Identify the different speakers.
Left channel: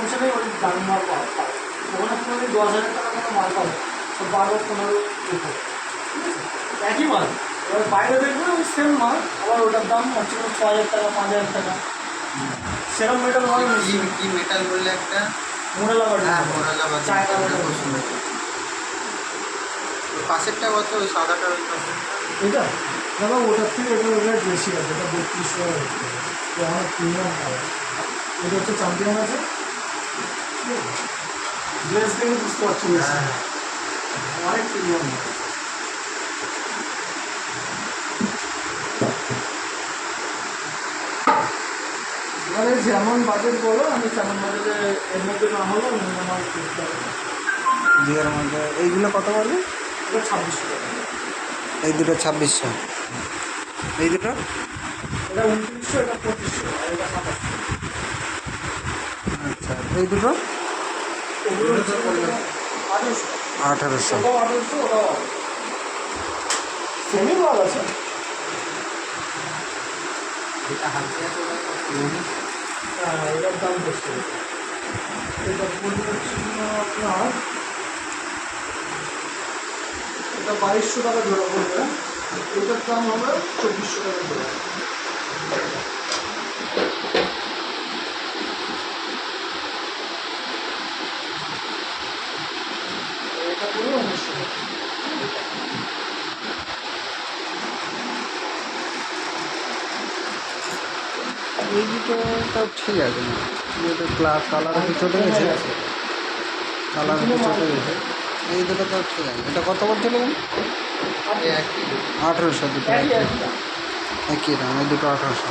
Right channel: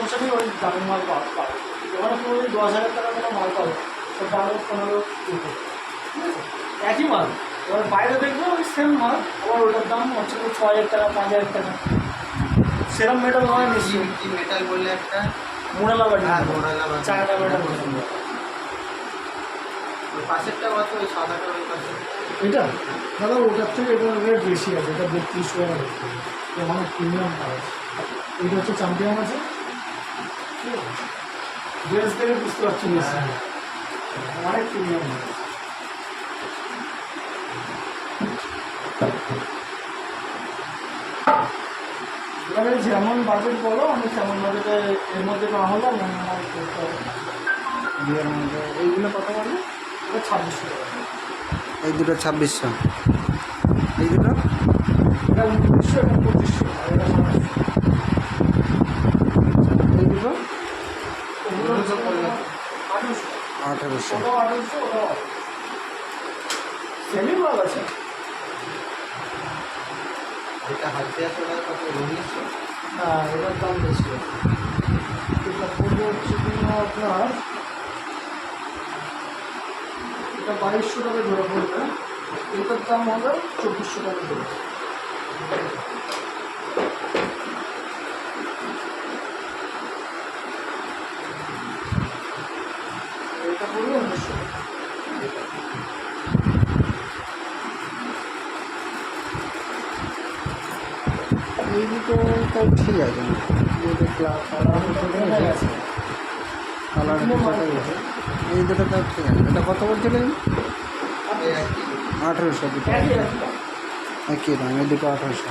Speaker 1: কনসামশনেই ওই দামি মাল পাওয়া পাবে ওখানে কোনো দশ হাজার টাকা কোনো মাল পাবে। সব বারো পনেরো উপর। ঠিক আছে? একই মাল। এবার বাইরে দেখবে ওই সেম মাল আবার ওটার দাম হচ্ছে ছ হাজার টাকা পাঁচ হাজার টাকা। সেরম মেটাল হয়
Speaker 2: কি কি মেটাল বললে একটা?
Speaker 1: মোড়ালা বাড়ি
Speaker 2: হ্যাঁ
Speaker 1: চায়না
Speaker 2: ওটা
Speaker 1: মেটাল
Speaker 2: পছন্দ পাশেরটা কত? ওই সাদাটা ওই পাশে।
Speaker 1: এটা? দাদা ওটার থেকে রেট বেশি আছে। এটা বত্রিশশো টাকা তো অনেক প্রিমিয়াম পাওয়া এটা হচ্ছে চ্যাম্পিয়ন আছে। ড্রেস দেখে বুঝতে পারছি না
Speaker 2: হ্যাঁ
Speaker 1: অনেক প্রিমিয়াম এবারে যেমন বাজেট বলো আমি তেমন বাজেটে এর মধ্যে না হলো আমার করতে হবে
Speaker 2: মধ্যে এইগুলো কত বললে
Speaker 1: এটা ছাব্বিশশো
Speaker 2: এই দুটো ছাব্বিশশো এই দুটো
Speaker 1: এটা উনত্রিশশো এটা পঁচিশশো আর এটা
Speaker 2: দুটো
Speaker 1: এগুলো হচ্ছে আঠারোশো
Speaker 2: আঠারোশো
Speaker 1: ওটাও আঠারোশো ওটাও সেমি মাল আছে
Speaker 2: এটা হাতে আছে ওটা কত উনিশ
Speaker 1: না এটার দাম বেশি আছে এটা পড়বে হচ্ছে তোমার আপনার এটা বাইশশো টাকা ধরে পড়বে এটার দাম হবে চব্বিশশো টাকা ধরে
Speaker 2: দুটো তাও ঠিক আছে না দুটো ক্লাস কালার চটে গেছে কালার চটে গেছে এই দুটো তাও ঠিক আছে এটা কত আঠেরোশো দুটো
Speaker 1: একই দাম।
Speaker 2: দুটো আঠারোশো।